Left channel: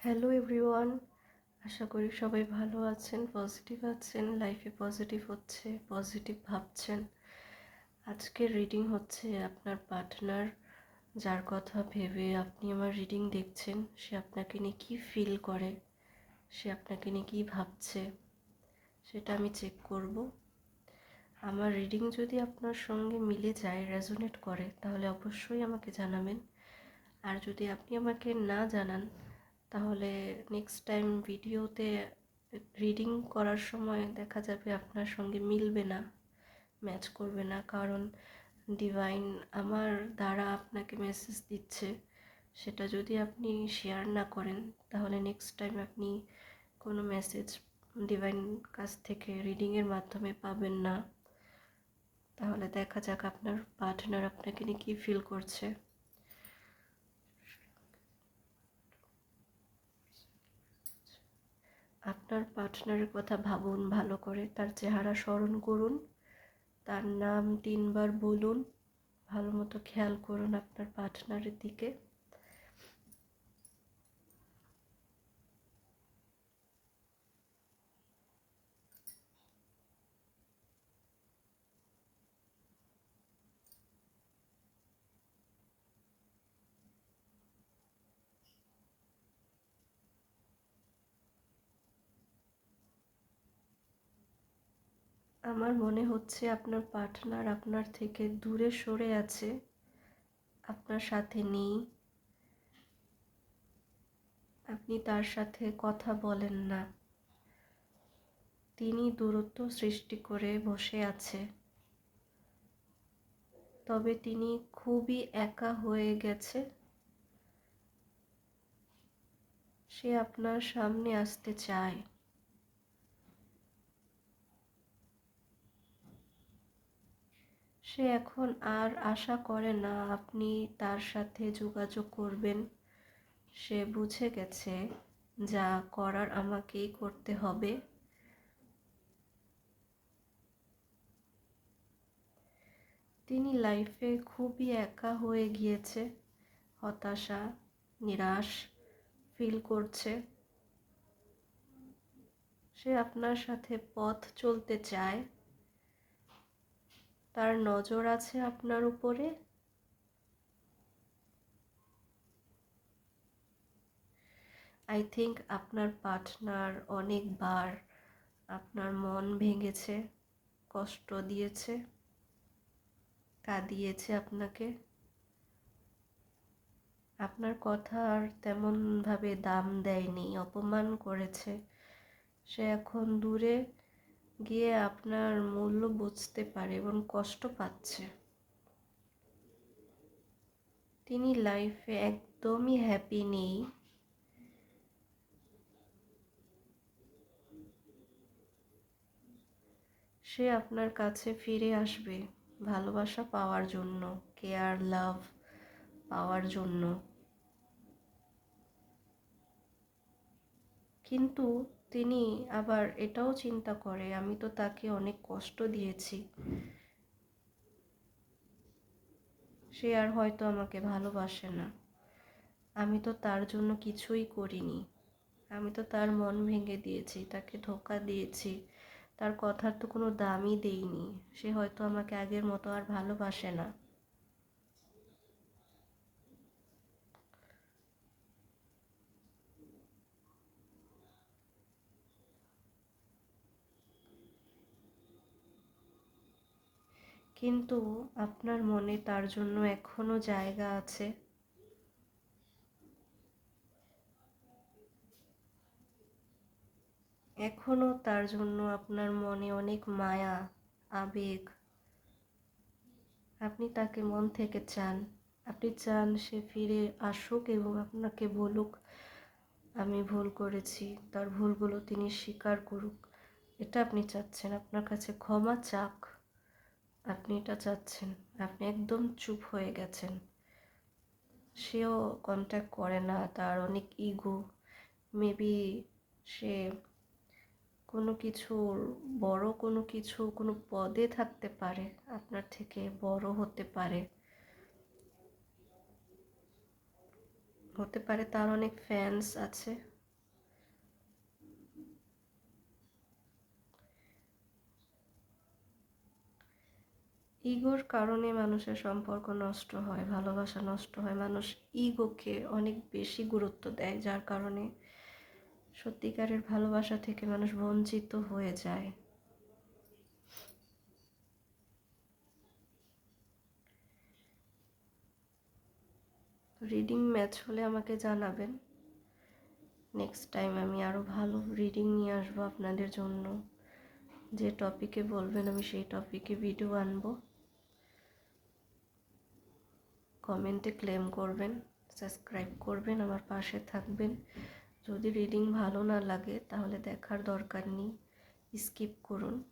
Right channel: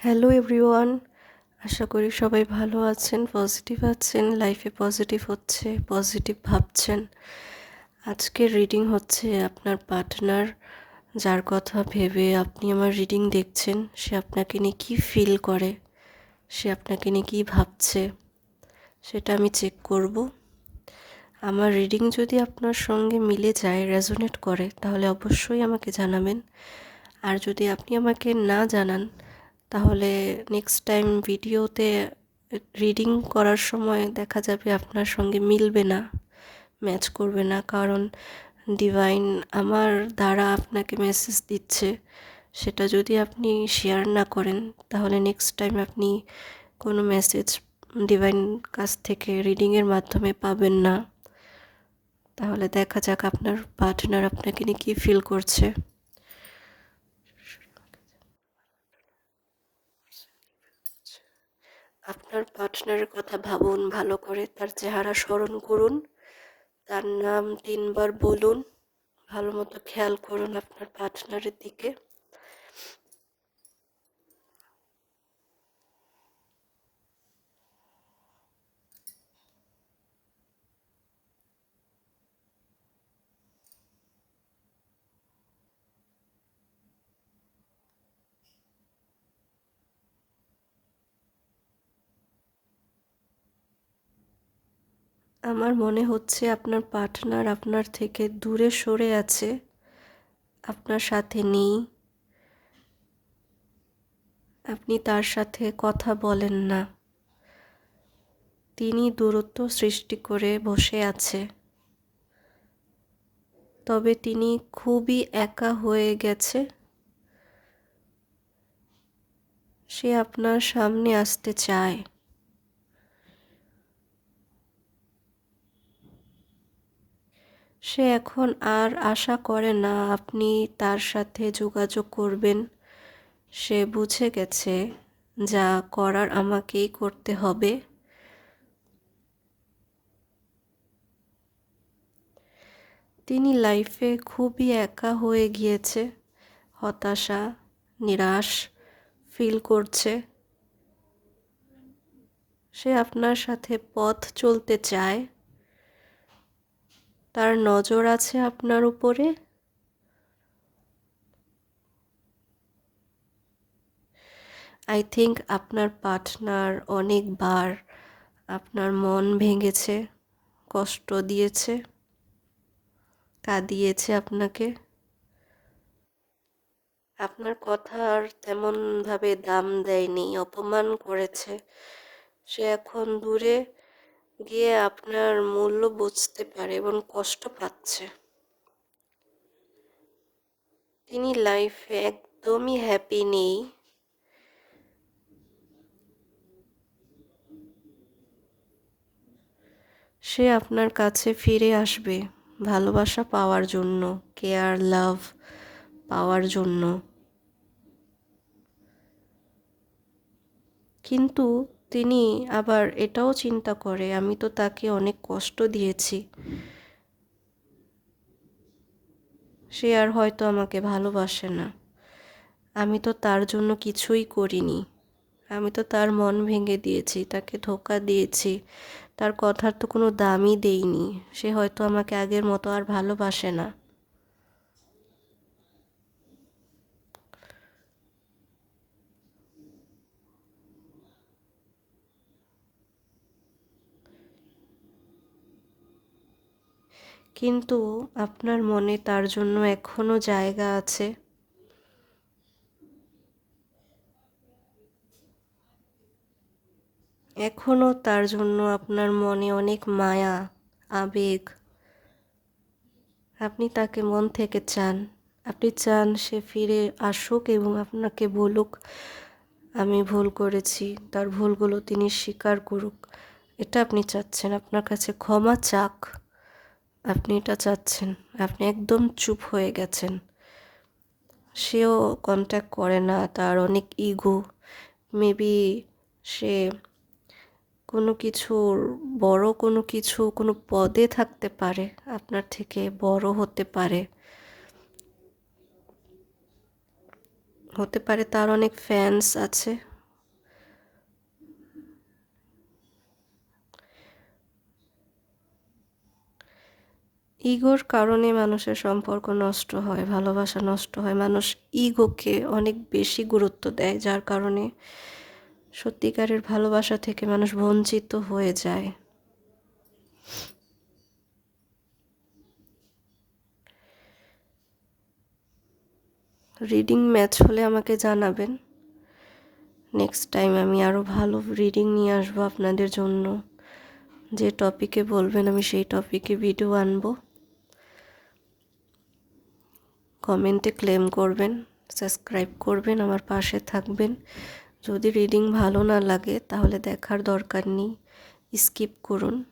Hello everyone, আশা করি সবাই ভালো আছেন, পজিটিভ আছেন, লাইফে পজিটিভ হচ্ছে, পজিটিভ ভাবছেন। আজকের রিডিং হচ্ছে আপনার পার্টনার, যার কথা ভেবে আপনি আমার রিডিং দেখছেন, সে আপনাকে নিয়ে কী ফিল করে, সে আপনাকে নিয়ে কী ভাবছে, সেটা আমি চেক করব। আমার রিডিং যদি আপনার সঙ্গে মিলে যায়, রেজোনেট করে, তাহলে অবশ্যই আমাকে জানাবেন। আর যদি আপনি আমাকে না জানান, তাহলে নেক্সট টাইম ভিডিওতে রিডিং করার সময় দেখা যাবে আপনার সঙ্গে মিলবে না, ম্যাচ করবে না, কারণ ডিভাইন আমার দ্বারা আপনাকে মেসেজ দিচ্ছে। সেটা যদি আপনি শেয়ার না করেন, তাহলে নেক্সট টাইম আপনি কোনো মেসেজ ডিভাইন কাছ থেকে রিডিংয়ের মাধ্যমে পাবেন না। তাহলে দেখা যাক আপনার পার্টনার আপনাকে নিয়ে কী ফিল করছে। আপনার পার্টনারের কথা ভাবুন ভালো করে, তার চেহারা স্মরণ করুন, তার নাম 3বার বলুন, ভালো মতো খেয়াল করুন আপনার পার্টনারের দিকে। আমার মনে হচ্ছে আপনার পার্টনার আপনার থেকে দূরে সরে আছে, আপনার সাথে নেই, আপনি তার সাথে কথা বলেন না, তিনি দূরত্ব সৃষ্টি করে বসে আছে। তবে তিনি খুবই একা হয়ে গেছে। সে আপনার সামনে আসতে চায়। সে এখন আর আশা করে না আপনি তার সাথে যোগাযোগ করবেন। সে বুঝে গেছে যা করার আমাকেই করতে হবে। তিনি লাইফে খুবই একা হয়ে গিয়েছে, হতাশা, নিরাশ ফিল করছে। সে আপনার সাথে পথ চলতে চায়। তার নজর আছে আপনার উপরে। আই থিঙ্ক আপনার পার্টনার অনেকবার আপনার মন ভেঙেছে, কষ্ট দিয়েছে, কাঁদিয়েছে আপনাকে। আপনার কথার তেমনভাবে দাম দেয়নি, অপমান করেছে। সে এখন দূরে গিয়ে আপনার মূল্য বুঝতে পারে এবং কষ্ট পাচ্ছে। তিনি লাইফে একদমই হ্যাপি নেই। সে আপনার কাছে ফিরে আসবে ভালোবাসা পাওয়ার জন্য, কেয়ার, লাভ পাওয়ার জন্য। কিন্তু তিনি আবার এটাও চিন্তা করে, আমি তো তাকে অনেক কষ্ট দিয়েছি, সে আর হয়তো আমাকে ভালোবাসে না। আমি তো তার জন্য কিছুই করিনি। আমি তো তার মন ভেঙে দিয়েছি, তাকে ধোঁকা দিয়েছি, তার কথার তো কোনো দামই দেইনি। সে হয়তো আমাকে আগের মতো আর ভালোবাসে না। কিন্তু আপনার মনে তার জন্য এখনো জায়গা আছে। এখনো তার জন্য আপনার মনে অনেক মায়া, আবেগ। আপনি তাকে মন থেকে চান। আপনি চান সে ফিরে আসুক এবং আপনাকে বলুক আমি ভুল করেছি, তার ভুলগুলো তিনি স্বীকার করুক। এটা আপনি চাচ্ছেন, আপনার কাছে ক্ষমা চাক। আপনি এটা চাচ্ছেন। আপনি একদম চুপ হয়ে গেছেন। সেও কন্ট্যাক্ট করে না, তার অনেক ইগো। মেবি সে কোনো কিছুর বড় কোনো কিছু, কোনো পদে থাকতে পারে, আপনার থেকে বড় হতে পারে। হতে পারে তার অনেক ফ্যান্স আছে, ইগোর কারণে মানুষের সম্পর্ক নষ্ট হয়, ভালোবাসা নষ্ট হয়। মানুষ ইগোকে অনেক বেশি গুরুত্ব দেয়, যার কারণে সত্যিকারের ভালোবাসা থেকে মানুষ বঞ্চিত হয়ে যায়। রিডিং ম্যাচ হলে আমাকে জানাবেন। নেক্সট টাইম আমি আরও ভালো রিডিং নিয়ে আসবো আপনাদের জন্য। যে টপিকে বলবেন আমি সেই টপিকে ভিডিও আনবো। কমেন্টে ক্লেম করবেন, সাবস্ক্রাইব করবেন, আমার পাশে থাকবেন। যদি রিডিং ভালো না লাগে তাহলে দেখার দরকার নেই, স্কিপ করুন।